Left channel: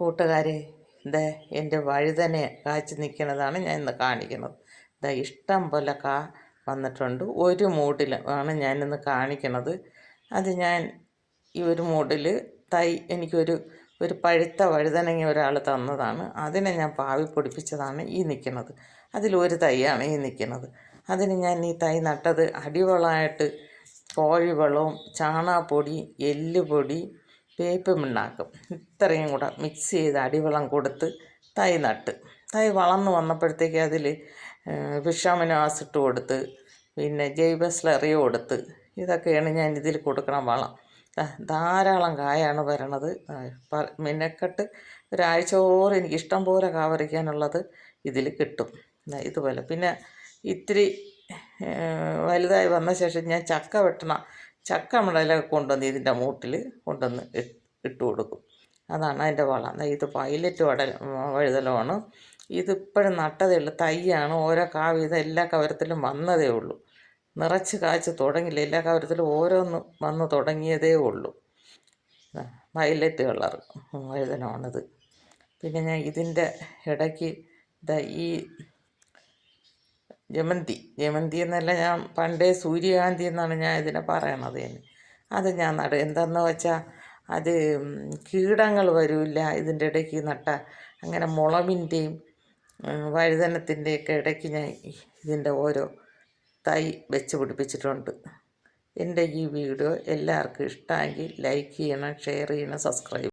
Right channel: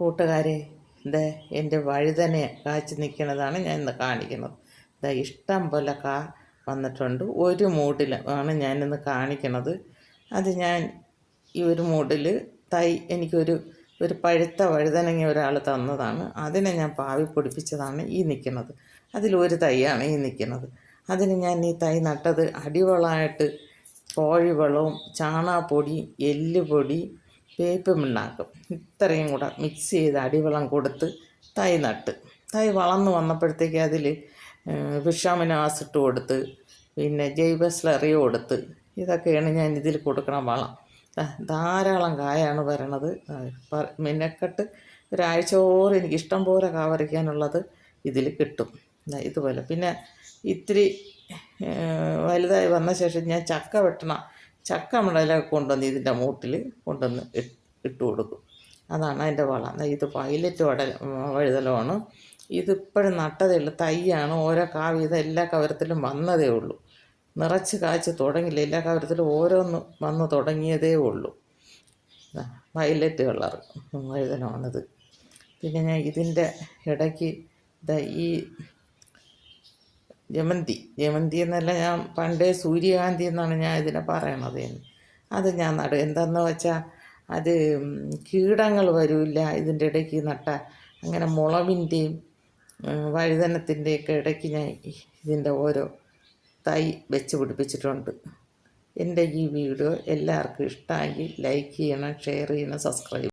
കൂട്ടുകാരെ ഇത് എന്റെ വഴുതനെ കാച്ചു നിൽക്കുന്നതാണ് ഞാൻ ഇന്ന് കാണിക്കുന്നത്. ഇതാ ഇഷ്ടം പോലെ കാ വന്നിട്ടുണ്ട്. ഒരു മൂടിൽ ആണ് ഞാനിന്ന് കാണിക്കുന്നത്. അത് ഞാൻ ഈ ഒരു മൂടിൽ തൈ എനിക്കൊരു ഒരു പഴുത്ത വഴുതനങ്ങ ഒരാൾ തന്നതാണ്. അതിനെ ഞാൻ പാവി പൊടിപ്പിച്ചതാണ് ഈ നിൽക്കുന്നത്. അതിലൊരു തൈയാണ് ഈ നിൽക്കുന്നത്. അതിന് ഞാൻ ഈ തൈ നട്ടത് അടിവളമായിട്ട് കോഴിവളവും ചാണാപ്പൊടി എല്ലുപൊടി വേപ്പ് മിണ്ണാക്കും ഇത്രയും കൂടെ മിക്സ് ചെയ്ത് അടിവെള്ളം കൊടുത്ത് തൈ നട്ട്. തൈ വളർന്ന് വന്നപ്പോഴത്തേക്ക് അതിൽ വിഷാമിനാസ് ഇട്ട് കൊടുത്ത് പിന്നെ ജൈവ സ്ലറിയോ കൊടുത്ത് ഇതൊക്കെയാണ് ഞാൻ ഇതിൽ കൊടുക്കണ വളം. ധാരാളം കായാണ് വരണത്. ആ, ഒരാഴ്ച മിനക്കെട്ട് ഒരാഴ്ചയോളം എനിക്ക് ഇഷ്ടം പോലെ കാ പറിക്കാനുള്ളത് ഇതിൽ കിട്ടും ഇതുപോലെ. പിന്നെ ഇത്തിരി വലുതായി വന്ന ശേഷം ഞാൻ ചക്ക വെട്ടണ ചക്ക മടലൊക്കെ കൊണ്ടുവന്ന് ഇതിന്റെ മൂട്ടിൽ കൊണ്ടുവന്ന് ഇട്ട് കൊടുക്കും. അതാണ് അതിന്റെ വളം. ഇത് പൈലറ്റ് വട വഴുതലമാണ് ഇതിപ്പോഴും നട്ടതേ ഉള്ളൂ. തൈയാണ് ഓരോ കാ ഇത് എല്ലാ കവരത്തിലും വന്നതേ ഉള്ളൂ. നിറച്ച് കാച്ച് തുടങ്ങില്ല. എല്ലാ കവരത്തിലും ഓരോന്ന് വന്ന് തുടങ്ങിയതേ ഉള്ളൂ. വയലറ്റ് കളർ വഴുതനമാണിത്. പിന്നെ ഞാൻ ഇതിന്റെ ഇടയ്ക്ക് ഈ ജമന്തി ജമന്തി എന്നല്ല ഞാൻ പണ്ടേ സൂര്യകാന്തി എന്നാണ് ഞാൻ ഇതിനെ പറയണത്. അത് ഞാൻ നട എന്താണെന്ന് വെച്ചാൽ അത് കീടങ്ങൾ വരില്ല ഇതിന്റെ ഇടയ്ക്ക് നട്ട. അങ്ങനെ മുളവിന്റെയും വഴുതനത്തിന്റെയൊക്കെ ഇടയ്ക്ക് ഞാൻ ഇതിന്റെ ഓരോ തൈ വെച്ച് പിടിപ്പിച്ചിട്ടുണ്ട്. എന്റെ ഈ വീഡിയോ എല്ലാവർക്കും ഇഷ്ടമായി ലൈക്ക് ചെയ്യണം ഷെയർ ചെയ്യണം സബ്സ്ക്രൈബ്